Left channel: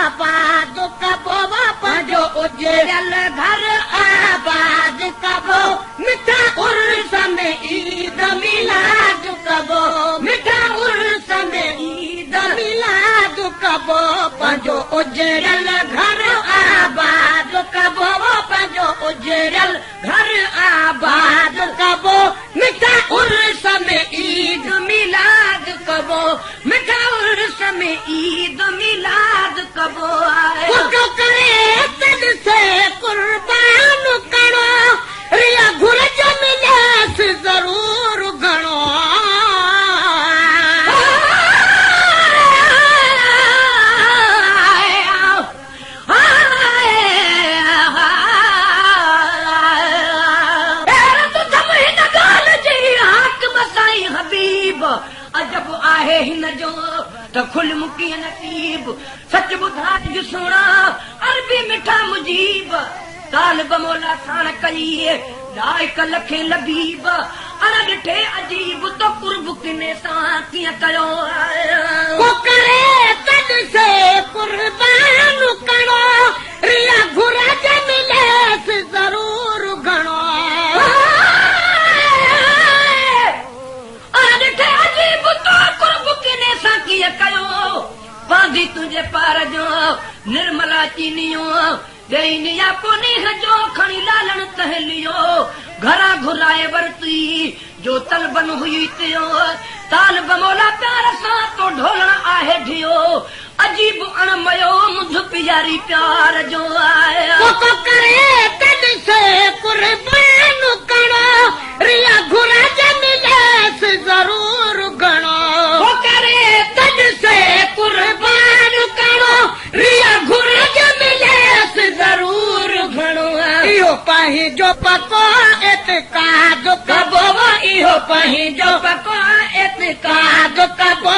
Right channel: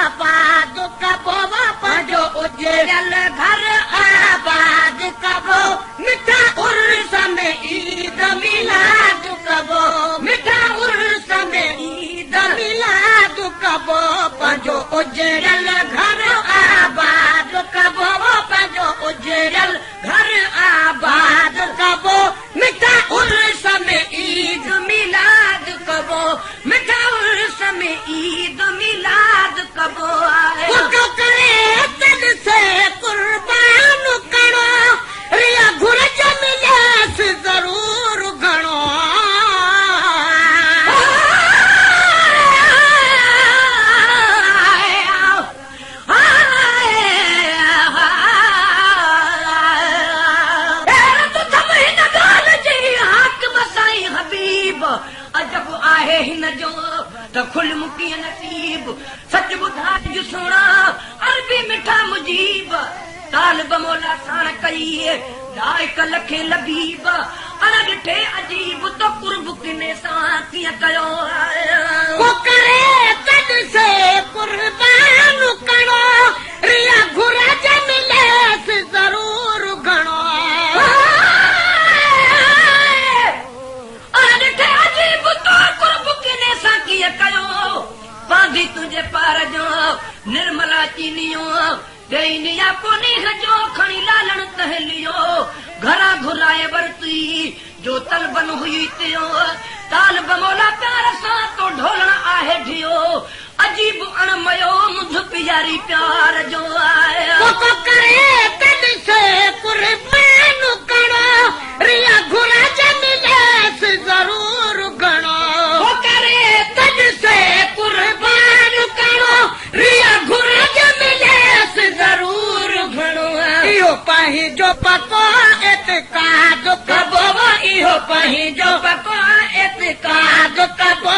आबाद कबो पंहिंजो उजड़ियल घर आबाद कबो मिठा उर्स में ईद मिलाद कबो मिठा उर्स में ईद मिलाद कबो पंहिंजो उजड़ियल घर आबाद कबो पंहिंजो उजड़ियल घर आबाद कबो मिठा उर्स में ईद मिलाद कबो मिठा उर्स में ईद मिलाद कबो से कुर्बान करो रिया घुरज मिलास जरूर घणो हबीब अजब आहे हिन जो त खुल मुकी नसीब सच ॿुधा तुंहिंजी सुणा अरबी मिठा मुजीब तालिब मौला साण कई गायक लखे लबीब अन ॾिठे अजीब त कुर्ब किने सां कीअं कयो करे तद से कुर्बान करो रिया घुरज मिलेस ज़रूर घणो बांधी तुझे पार जो निर्मला चीनियो बेनिया कोनी जो खणी लालण कहलियो घरा घुराए वरती जो तलबन हुई थियो तालब मौला प्यार सां तो ढोलण आहे धियो अजीब अणमयो मुझ प्यारी प्यार जो आया करे तद से कुर्बान करो रिया घुरज मिलेस जरूर घणो करे तद से कुर्बान करो रिया घुरज मिलेस जरूर घणो इहो पंहिंजो पकोन एतकाद कबो इहो पंहिंजो पकोन एतकाद कबो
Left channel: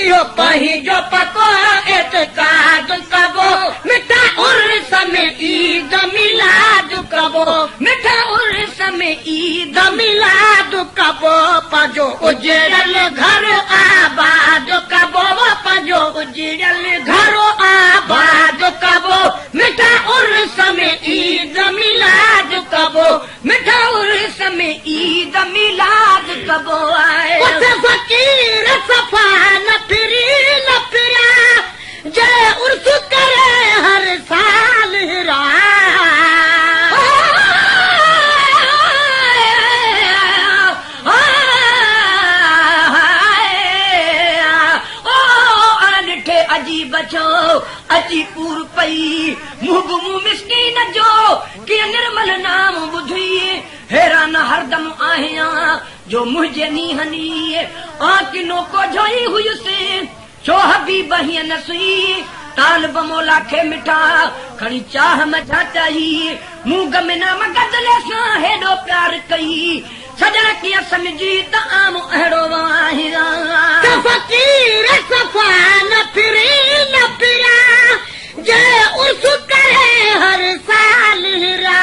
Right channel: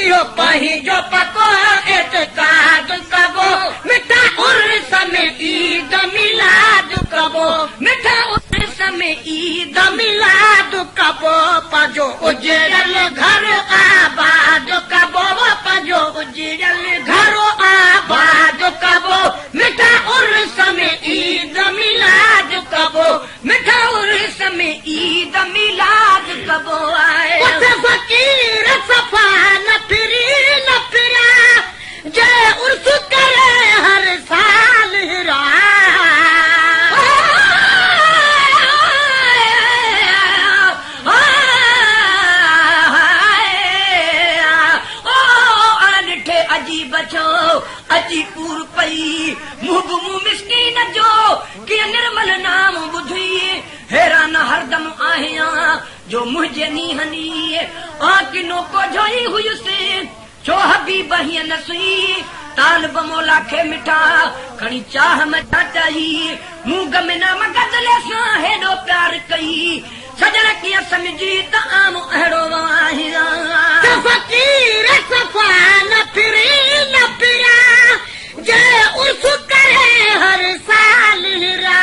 इहो पंहिंजो पकोन एतकाद कबो मिठा उर्स में ईद मिलाद कबो मिठा उर्स में ईद मिलाद कबो पंहिंजो उजड़ियल घर आबाद कबो पंहिंजो उजड़ियल घर आबाद कबो मिठा उर्स में ईद मिलाद कबो मिठा उर्स में ईद मिलाद कबो फकीर सफा न फिरी न फिरा जो उर्स करे हर साल हिरा अजीब छो अची पूर पई मुंहुं मिस्कीन जो के निर्मल नाम ॿुधी हैरान हरदम आहियां जो मुंहिंजे नीहनी आकिनो को जोई हुयुसि छो हबीब हीअं नसी तालिब मौला खे मिठा खणी चाह मथा चाही मूं गमिना गदल सां हेॾो प्यार कई सजण कीअं समझी त आम अहिड़ो वाहिरा फकीर सफ़ा न फिरी न फिरा जे उर्स करे हर साल हिरा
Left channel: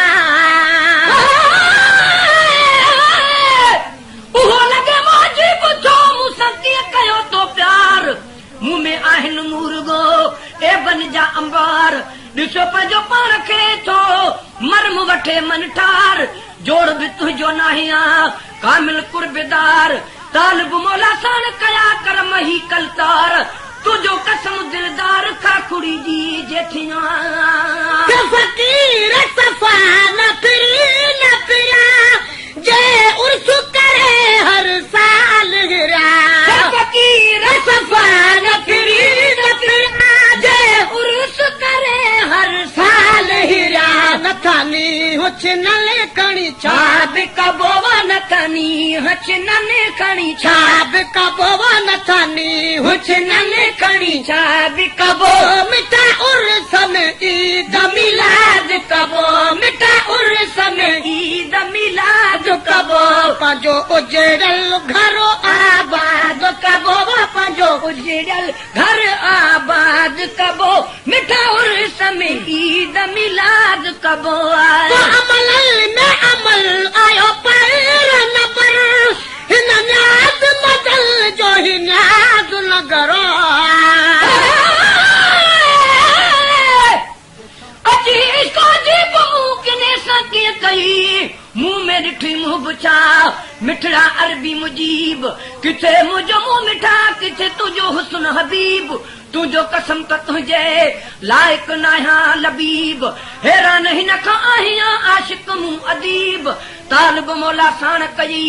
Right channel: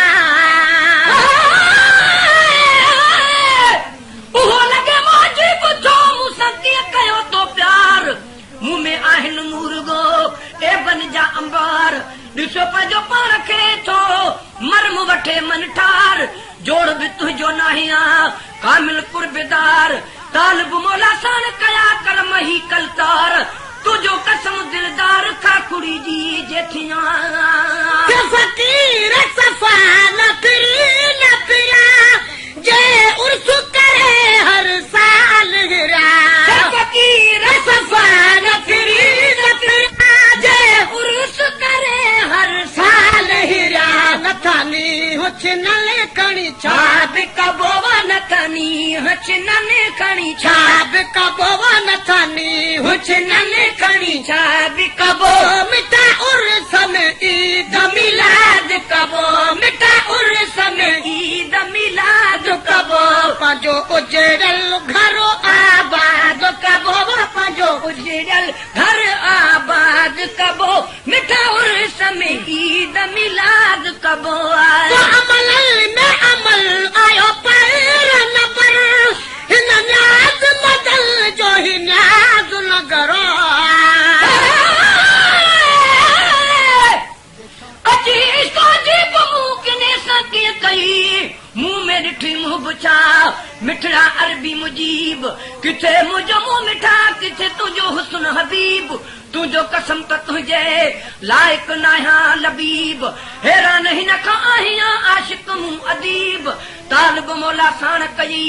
उहो लॻे मुंहिंजी ॿुधो मूं सची कयो तो प्यार मुंहुं में आहिनि मुर्गो ए बन जा अंबार ॾिसो पंहिंजो पाण खे थो मरम वठे मन ठार जोड़ बि तुंहिंजो नाहिया कामिल कुर्बेदार तालिब मौला साण कया कर मही कलकार तुझो कसम दिलदार काकुड़ी जी जेठिया फकीर सफा न फिरी न फिरा जे उर्स करे हर साल हिरा फकीर सफा न फिरी न फिरा जे उर्स करे हर साल हिरा नथानी हुच नए कणी छाब कबोवा नथानी हुच नने कणी छाब कबोवा नथानी हुच नने कणी छाब कबो मिठा उर्स में ईद मिलाद कबो मिठा उर्स में ईद मिलाद कबो पंहिंजो उजड़ियल घर आबाद कबो पंहिंजो उजड़ियल घर आबाद कबो मिठा उर्स में ईद मिलाद कबो अमल में अमल आयो पैर न पर हिन न्याद मदल जो ही न्याद न करो में ॾिठी मुंहुं बुछा मिठड़ा अरबी मुजीब किथे मुंहिंजो मुंहुं मिठा किथे तुंहिंजो हुस्न हबीब तुंहिंजो कसम त तुंहिंजे लाइक़ न आहियां लबीब हैरान हिन खां आहियां आशिक मूं अदीब तालिब मौला साण कई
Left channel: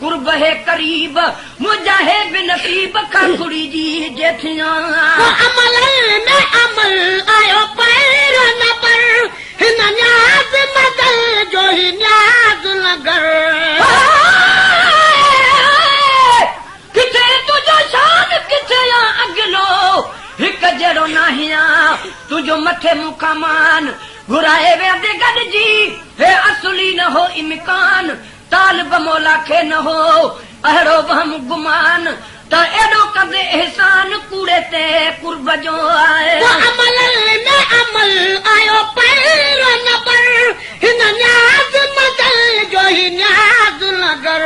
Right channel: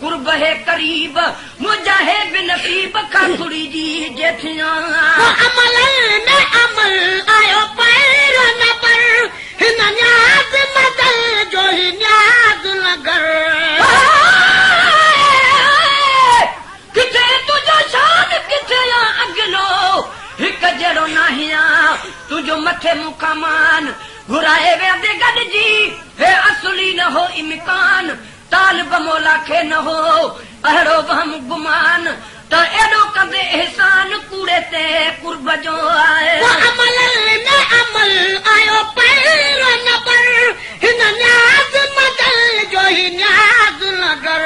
कुर्ब है करीब मुंहिंजा है बेनसीब खाखुड़ी जी जेठियां अमल में अमल आयो पैर न पर हिन न्याज़ मदल जो ही न्याज़ नगर किथे तुंहिंजो शान किथे अॻिलो हिकु जहिड़ो नाहिया तुंहिंजो मथे मुकामान घुराए वेंदे गॾिजी हे असली न हो इम्कान तालिब मौला खे न हो अहिड़ो वहम गुमान त एॾो कंदे एहसान कूड़े ते कुर्ब जो आहे अमल में अमल आयो पैर न पर हिन न्याज़ मदल जो ही न्याज़ नगर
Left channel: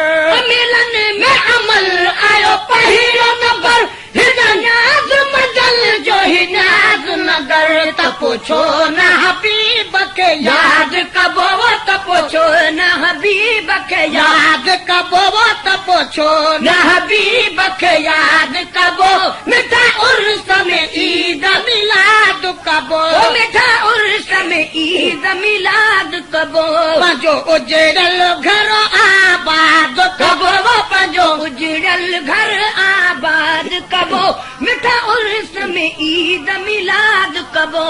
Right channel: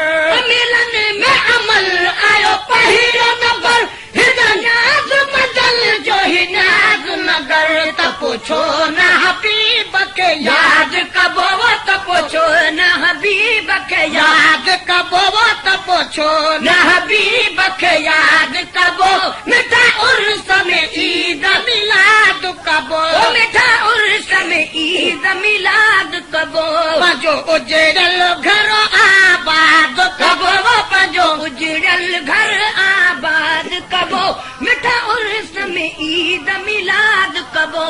मिलन में अमल आयो पहिरियों नंबर हिन न्याज़ मदल जो ही न्याज़ नगर त पुछो न हबीब खे याद कबो त पुछो न हबीब खे याद कबो त पुछो न हबीब खे याद कबो मिठा उर्स में ईद मिलाद कबो मिठा उर्स में ईद मिलाद कबो पंहिंजो उजड़ल घर आबाद कबो पंहिंजो उजड़ल घर आबाद कबो मिठा उर्स में ईद मिलाद कबो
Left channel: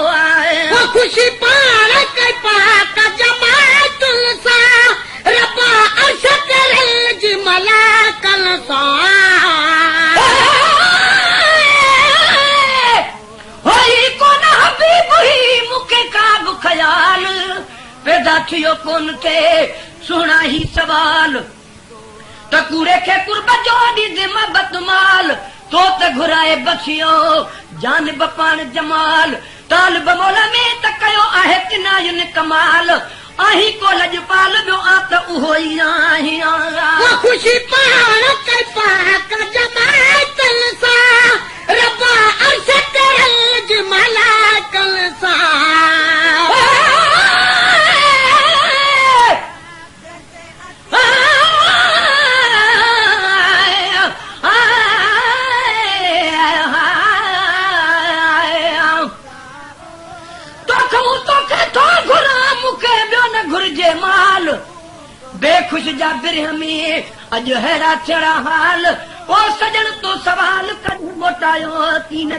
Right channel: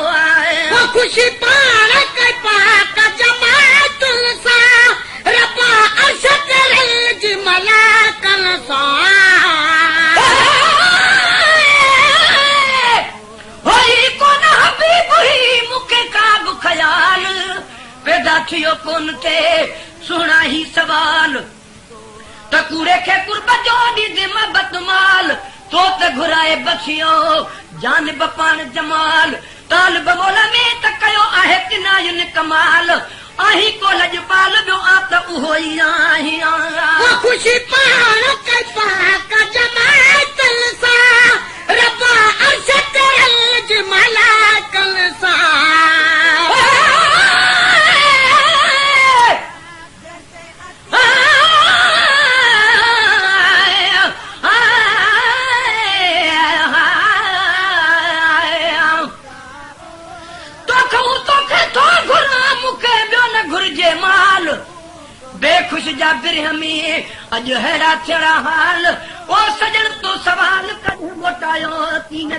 वो खुशी पार के पाक जमात सां रब्बा अर्श करे जी मलाकल सां होई कोन हबीब ही मूंखे का बि ख़याल पैदा थियो कोन के सुहिणा ही सवाल त कूड़े खे कुर्ब जो ॾिज महबत माल तो त घुराए बसियो जान बपाण जमाल तालिब मौला में त कयो आहे किनायन कमाल आही को लजपाल ॿियो आ त उहो ई आहियां वो खुशी पार के पाक जमात सां रब्बा अर्श करे जी मलाकल सां घुर्जे माल बेखुश जा बिरहमी अॼु हैरा थिया हाल ओ सजण तो सवाल कॾहिं मोटायो तीन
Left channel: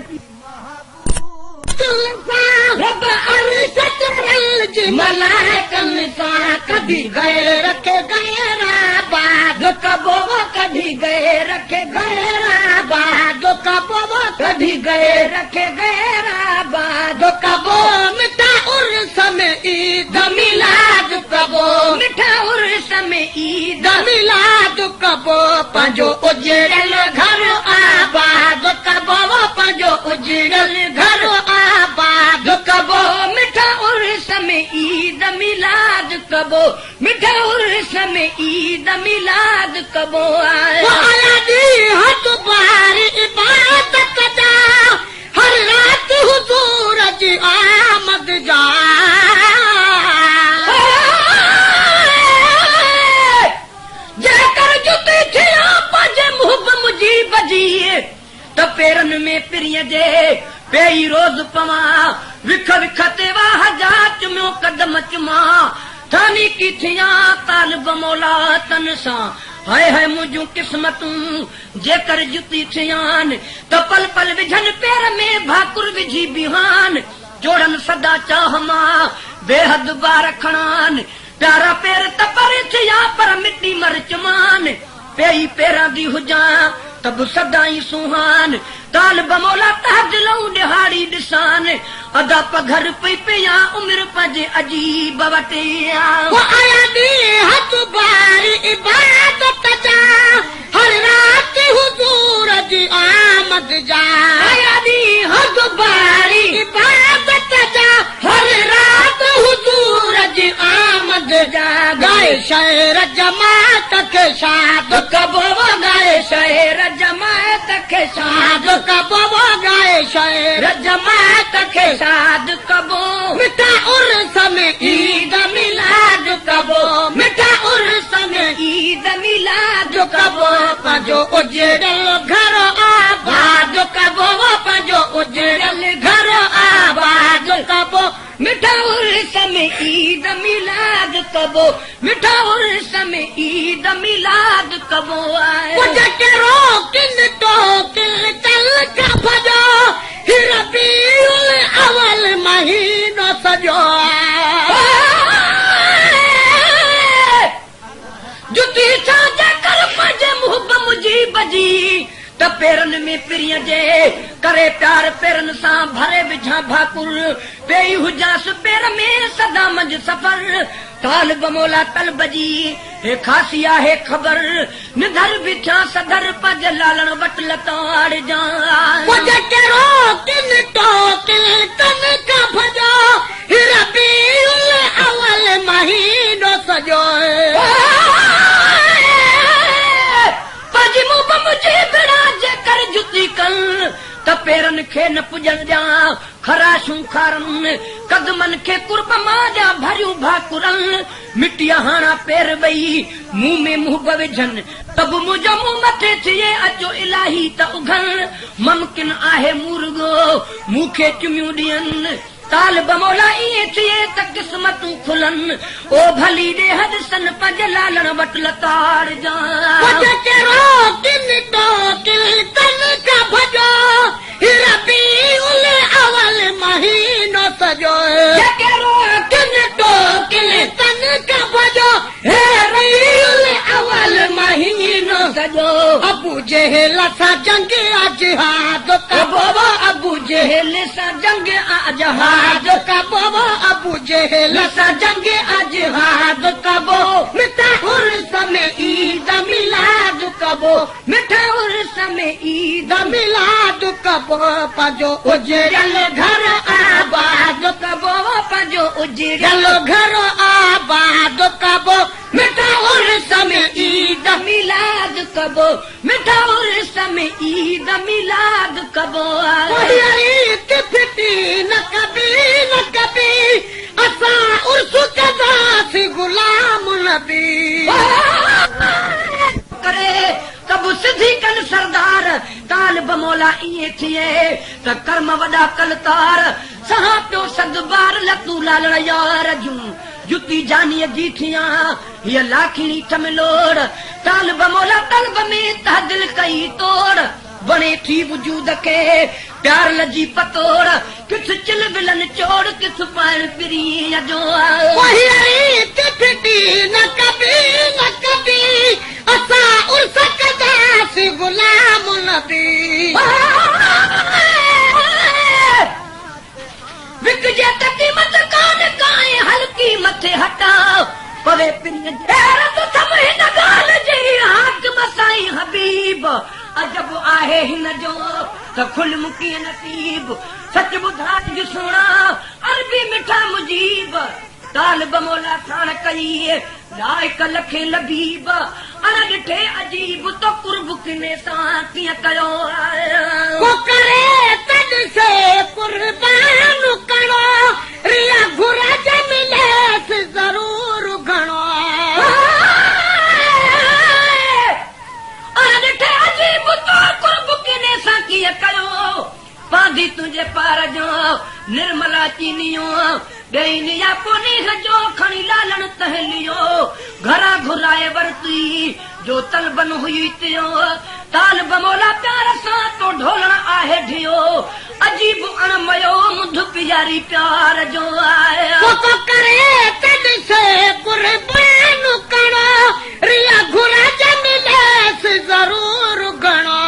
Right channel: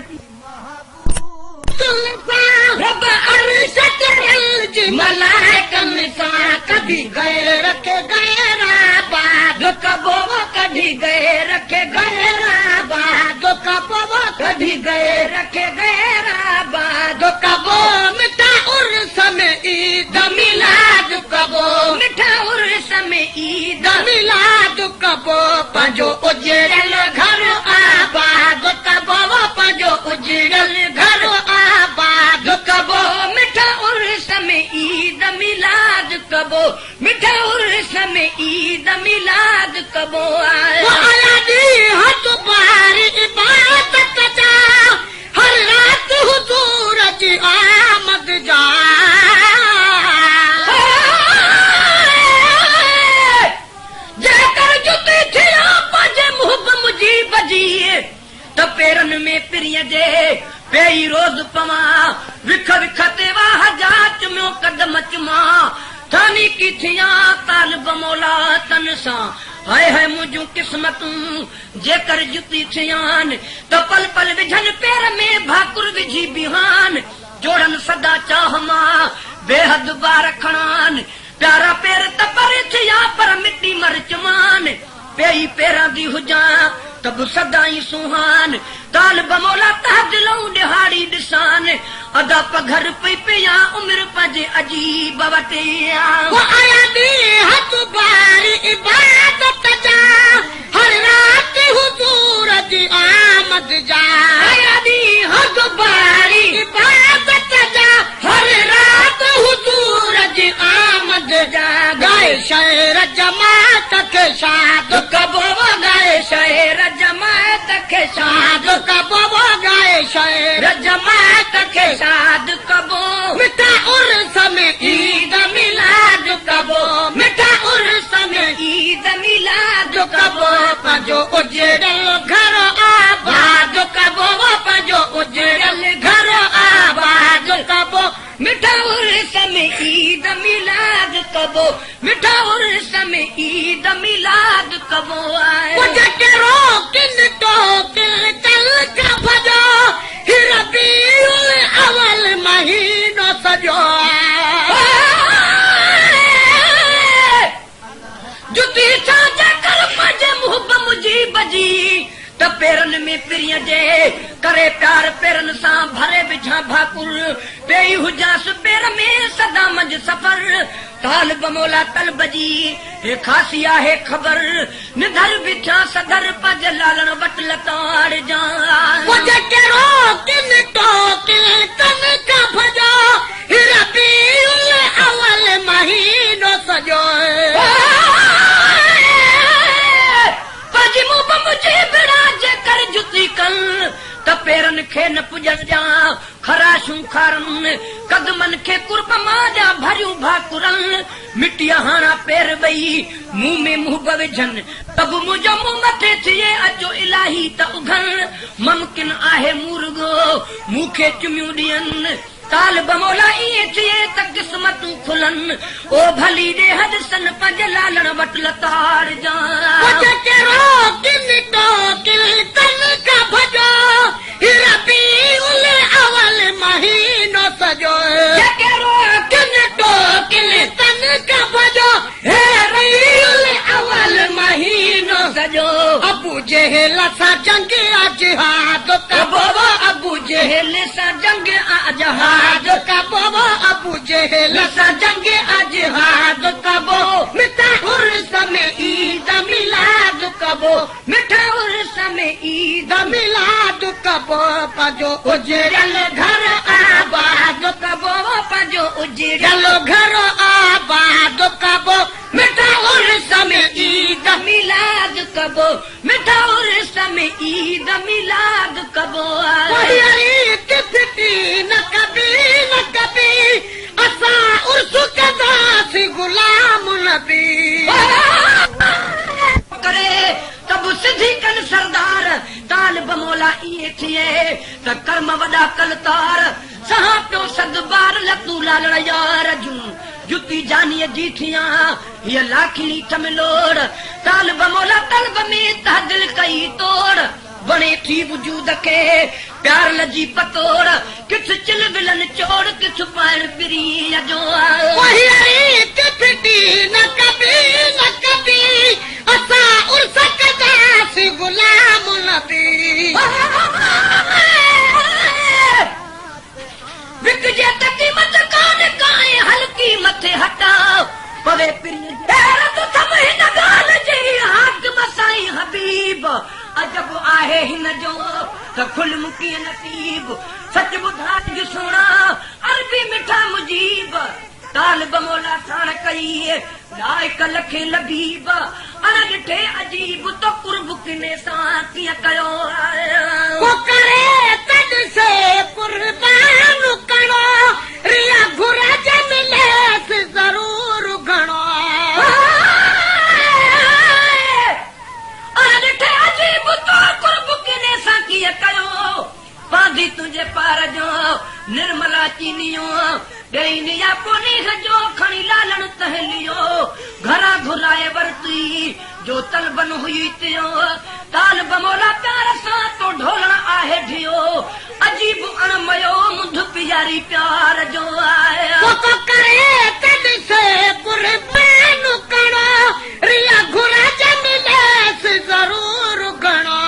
रब अर्श करे जी मलाकल सां कभी गैर के गैराबाद कबो कढी गए रखे गैराबाद कबो कढी गए रखे गैराबाद कबो मिठा उर्स में ईद मिलाद कबो मिठा उर्स में ईद मिलाद कबो पंहिंजो उजड़ल घर आबाद कबो पंहिंजो उजड़ल घर आबाद कबो मिठा उर्स में ईद मिलाद कबो मिठा उर्स में ईद मिलाद कबो आया ॾींहुं हथ बार इबादत जा हर रात हुजूर जी आमद जा जेकर जुती थिया पंहिंजे मुहब मुजीब जी त पेरनि में पिरीअ जे पेई रोज़ पवां विख विख ते वाह जाच में कदम चुमां थानी की थिया तालिब मौला तन सां हाय हाय मुंहिंजूं क़िस्मतूं जेकर जुती थियान त पल पल विझनि पेर में भाकुर विझी बिहान जोड़न सदा चाह मां बेहद बार खणान प्यारा पेर त परे थिया पर मिटी मर चमान पेई पेरां दी हुजां त बि सदाई सुहान तालिब मौला तहज लऊं ॾिहाड़ी ॾिसान अदा पघर पई पिया उमिरि पंहिंजे अजीब वटि आया ॾींहुं हथ बार इबादत जा हर रात हुजूर जी आमद जा आया ॾींहुं हथ बार इबादत जा हर रात हुजूर जी आमद जा गाए शहर जमात खे शाद कबो गाए शहर जमात खे शाद कबो गाए शहर जमात खे शाद कबो मिठा उर्स में ईद मिलाद कबो मिठा उर्स पंहिंजो उजड़ल घर आबाद कबो पंहिंजो उजड़ल घर आबाद कबो मिठा उर्स में ईद मिलाद कबो मिठा उर्स में ईद मिलाद कबो किन तो कल का भजो रबीउल अवल महीनो सजो जुती साजे कर मजे मुहब मुझी बजी त पेरन में पिरिय जे करे प्यार पेरन सां भरे विझा भाकुर पेई हुजास पेर में सदा मंझ सफर काल बमोला तल बजी हे खासी आहे ख़बर निधर बिछा सदर पग लालण वट लताड़ जा किन तो कल का भजो रबीउल अवल महीनो सजो जुती कल त पेरन खे न पुॼण जा खराशूं खारन कदमन खे कुर्ब मां जा भरियूं भाकुरन मिटीअ हाणा पेर ॿई मुंहुं में मुंहुं विझन तब मुंहिंजो मुंहुं मथे थिए अचो इलाही त उघन मुमकिन आहे मुर्गो मूंखे चुमियूं ॾियनि काल बमोला ईअं थिए त क़िस्मतूं खुलनि ओ भली ॾे हदसन पंज लालण वट लताड़ जा किन तो कल का भजो रबीउल अवल महीनो सजो किन तो कल का भजो रबीउल अवल महीनो सजो अबू जहल सां जंग अजहाद कबो अबू जहल सां जंग अजहाद कबो अबू जहल सां जंग अजहाद कबो मिठा उर्स में ईद मिलाद कबो मिठा उर्स में ईद मिलाद कबो पंहिंजो उजड़ल घर आबाद कबो पंहिंजो उजड़ल घर आबाद कबो मिठा उर्स में ईद मिलाद कबो मिठा उर्स में ईद मिलाद कबो फिटी न कभी असां उर्स कंदासीं गुलाम नबी करे कब सिधी कन सरदार काल बमोला ईअं थिए त कर्म वॾा कलकार सहा पियो सद बार लतूं लालण यार जूं जुती जानीअ जी थियां हीअ लाखी चमलोड़ काल बमोला तलब में तहदिल कई तोड़ बणे थी वजूद खे प्यार लजी पतोड़ किछु चिल विलन चोड़ किछु पाइण पिरी जो फिटी न कभी असां उर्स कंदासीं गुलाम नबी विकजे त क़ीमत कान्हे काए हल्की मथे हटाओ पवे पिन हिन ॻाल्हि जी हाकिम साईं हबीब अजब आहे हिन जो त खुल मुकी नसीब सच ॿुधा ॾिसणा अरबी मिठा मुजीब काल बमोला ठाण कई लाइक लखे लबीब अण ॾिठे अजीब त कुर्ब किने सां कीअं कयो करे तॾ से कुर्बान करो रिया घुरज मिलेस ज़रूर घणो अण ॾिठे अजीब त कुर्ब किने सां कीअं कयो बांधी तुंहिंजे पार जो निर्मला चीनियो ॾेनिया कोनी जो खणी लालण तहलियो घरां घुराए वरती जो तलबन हुई थियो ताल बमोला प्यार सां तो ढोलण आहे ढियो अजीब अणमयो मुंध पियारी प्यार जो आया करे तॾ से कुर्बान करो रिया घुरज मिलेस ज़रूर घणो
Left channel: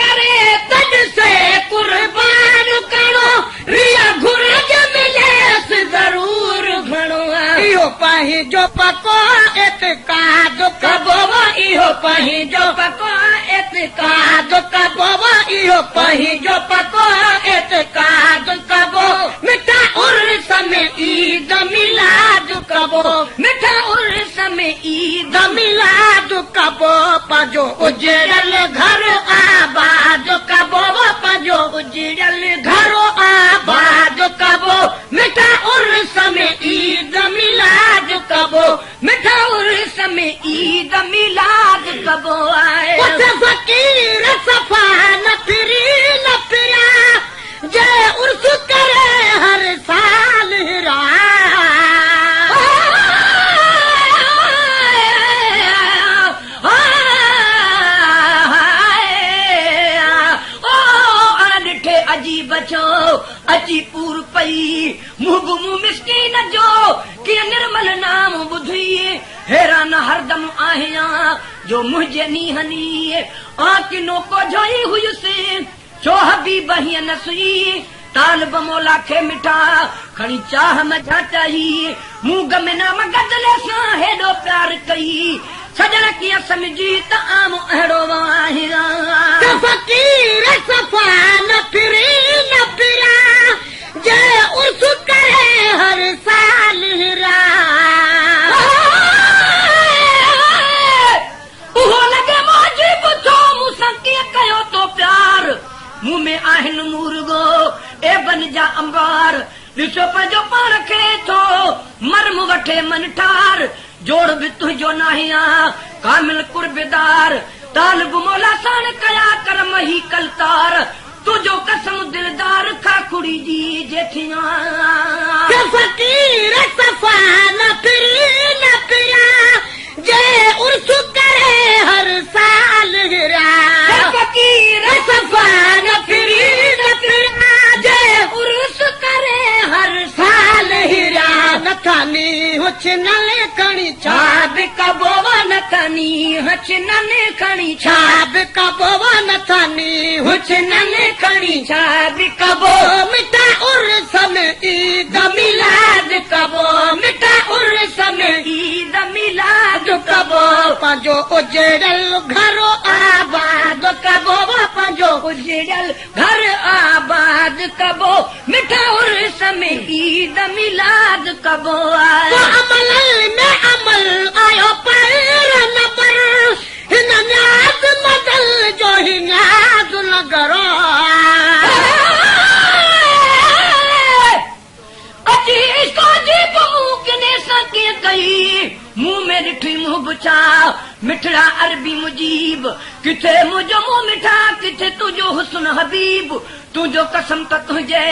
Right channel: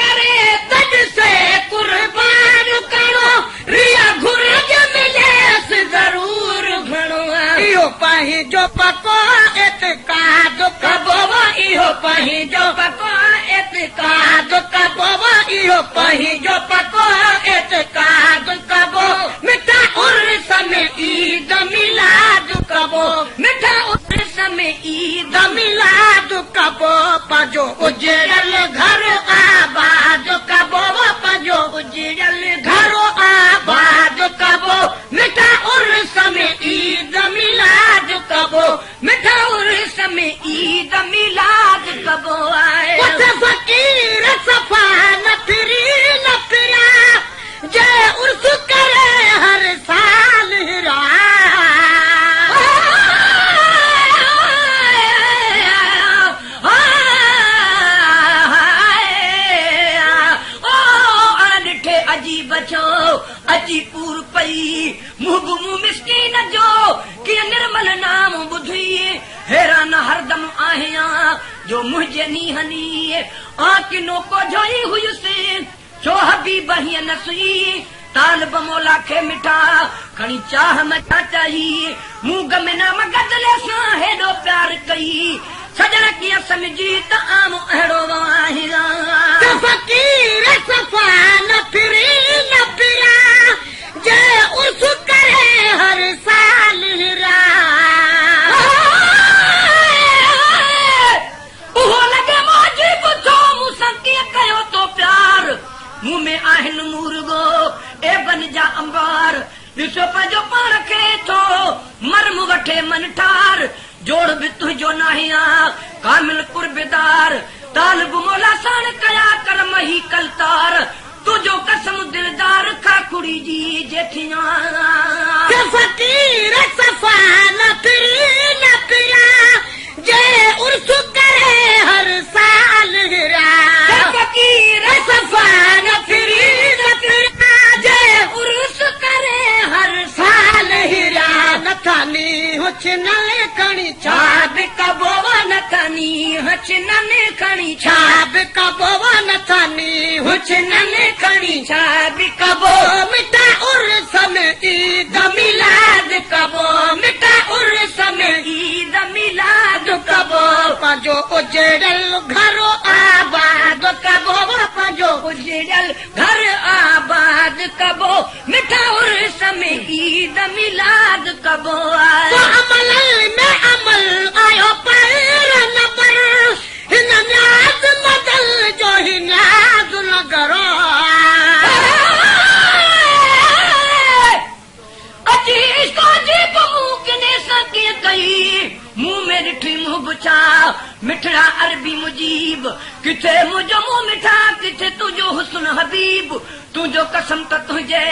करे तॾ से कुर्बान करो रिया घुरज मिलेस ज़रूर घणो इहो पंहिंजो पकोन एतकाद कबो इहो पंहिंजो पकोन एतकाद कबो इहो पंहिंजो पकोन एतकाद कबो मिठा उर्स में ईद मिलाद कबो मिठा उर्स में ईद मिलाद कबो पंहिंजो उजड़ल घर आबाद कबो पंहिंजो उजड़ल घर आबाद कबो मिठा उर्स में ईद मिलाद कबो मिठा उर्स में ईद मिलाद कबो फकीर सफ़ा न फिरी न फिरा जो उर्स करे हर साल हिरा अजीब छो अची पूर पई मुंहुं मिसकीन जो कि निर्मल नाम ॿुधी हैरान हरदम आहियां जो मुंहिंजे नीहनी आकिनो को जोई हुयसि छो हबीब हीअं न सुई तालिब मौला खे मिठा खणी चाह न चाही मूं गम नाम गदले सां हेॾो प्यार कई सजण कीअं समझी त आम अहिड़ो वाहिरा फकीर सफ़ा न फिरी न फिरा जे उर्स करे हर साल हिरा उहो लॻे मुंहिंजी ॿुधो मूंसां कीअं कयो तो प्यार मूं में आहिनि मुर्गो ए बन जा अंबार ॾिसो पंहिंजो पाण खे थो मरम वठे मन ठार जोड़ बि तुंहिंजो नाहिया कामिल कुर्बेदार तालिब मौला साण कया कर मही कलकार तुंहिंजो कसम दिलदार खाखुड़ी जी जेठिया फकीर सफ़ा न फिरी न फिरा जे उर्स करे हर साल हिरा फकीर सफ़ा न फिरी न फिरा जे उर्स करे हर साल हिरा न खानी हुच न खणी छाब कबो न खणी हुच न खणी छाब कबो न खानी हुच न खणी छाब कबो मिठा उर्स में ईद मिलाद कबो मिठा उर्स में ईद मिलाद कबो पंहिंजो उजड़ल घर आबाद कबो पंहिंजो उजड़ल घर आबाद कबो मिठा उर्स में ईद मिलाद कबो अमल में अमल आयो पैर नगर हिन न्याज़ नगल जो ही नाज़ नगर अची सोजी बहू किने सके कई मुंह में ॾिठी मुंह बुछा मिठड़ा अरबी मुजीब किथे मुंहिंजो मुंह मिठा किथे तुंहिंजो हुस्न हबीब तुंहिंजो कसम त तुंहिंजे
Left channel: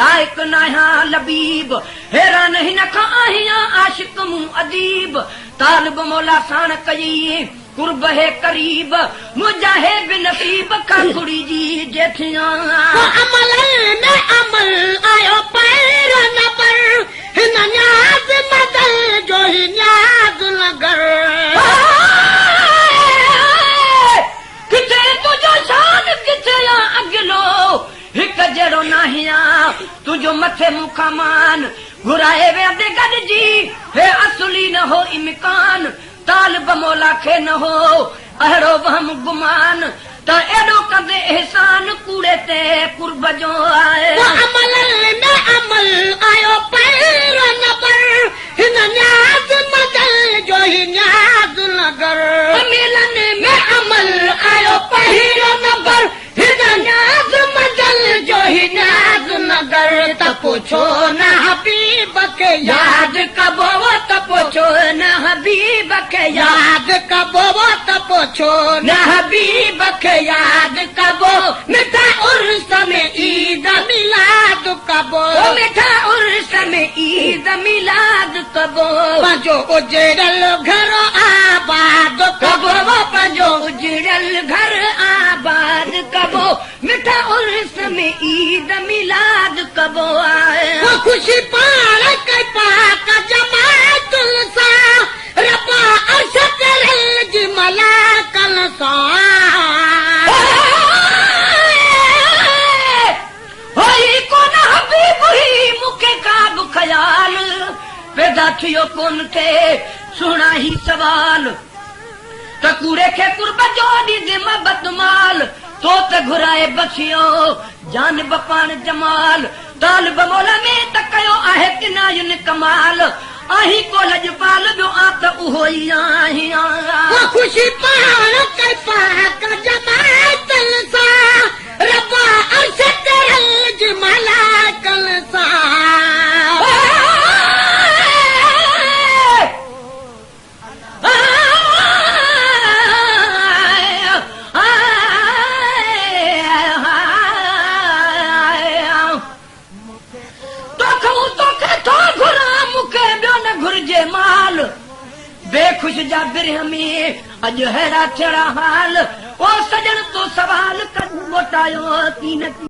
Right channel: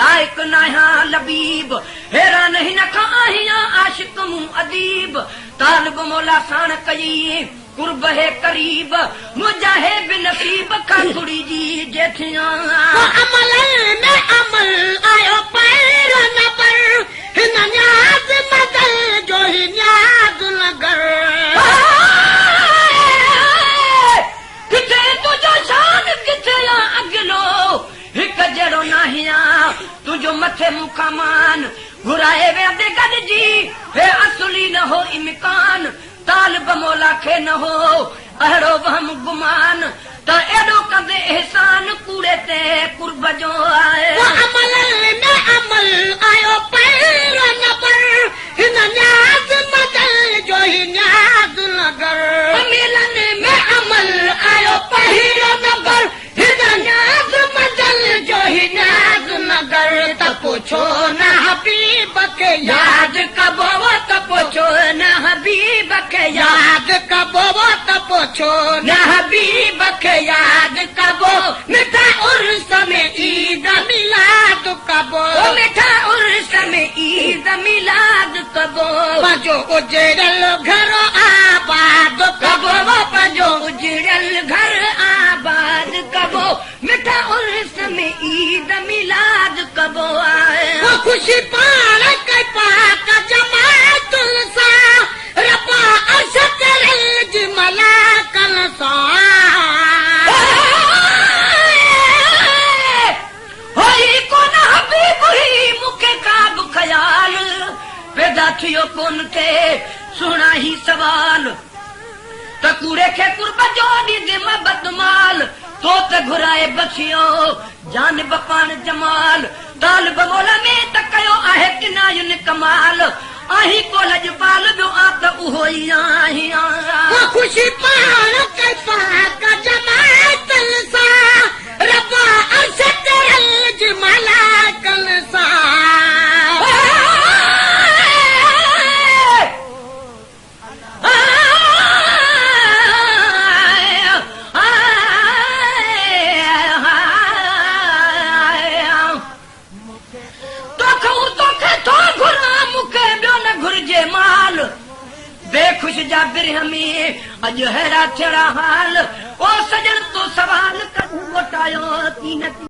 लाइक़ नाहियां लबीब हैरान हिन खां आहियां आशिक मूं अदीब तालिब मौला साण कई कुर्ब है करीब मुंहिंजा है बिनसीब खाखुड़ी जी जेठिया अमल में अमल आयो पैर नबर हिन न्याज़ नगल जो ही न्याज़ नगर किथे तुंहिंजो शान किथे अॻिलो हिकु जहिड़ो नाहिया तुंहिंजो मथे मूंखां मान घुराए वेंदे गॾिजी हे असली न हो इम्कान तालिब मौला खे न हो अहिड़ो वहम गुमान त एॾो कंदे एहसान कूड़े ते कुर्ब जो आहे अमल में अमल आयो पैर नबर हिन न्याज़ नगल जो ही न्याज़ नगर मिलन में अमल आयो पहिरो नंबर हिन न्याज़ नगल जो ही न्याज़ नगर त पुछो न हबीब खे याद कबो त पुछो न हबीब खे याद कबो त पुछो न हबीब खे याद कबो मिठा उर्स में ईद मिलाद कबो मिठा उर्स में ईद मिलाद कबो पंहिंजो उजड़ल घर आबाद कबो पंहिंजो उजड़ल घर आबाद कबो मिठा उर्स में ईद मिलाद कबो खुशी पाण के पाक जमात सां रब्बा अर्श करे जी मलाकल सां होई कोन हबीब ही मूंखे का बि ख़याल पैदा थियो कोन थे सुहिणा ही सवाल त कूड़े खे कुर्ब जो ॾिज महबत माल तो त घुराए बखियो जान बपान जमाल तालिब मौला में त कयो आहे किनायुनि कमाल आही को लजपाल जो आ त उहो ई आही खुशी पाण के पाक जमात सां रब्बा अर्श करे जी मलाकल सां बेमाल बेखुश जा बिरहमी अॼु हेरा चढ़ा हाल ओ सजण तो सवाल कबू मोटायो तीन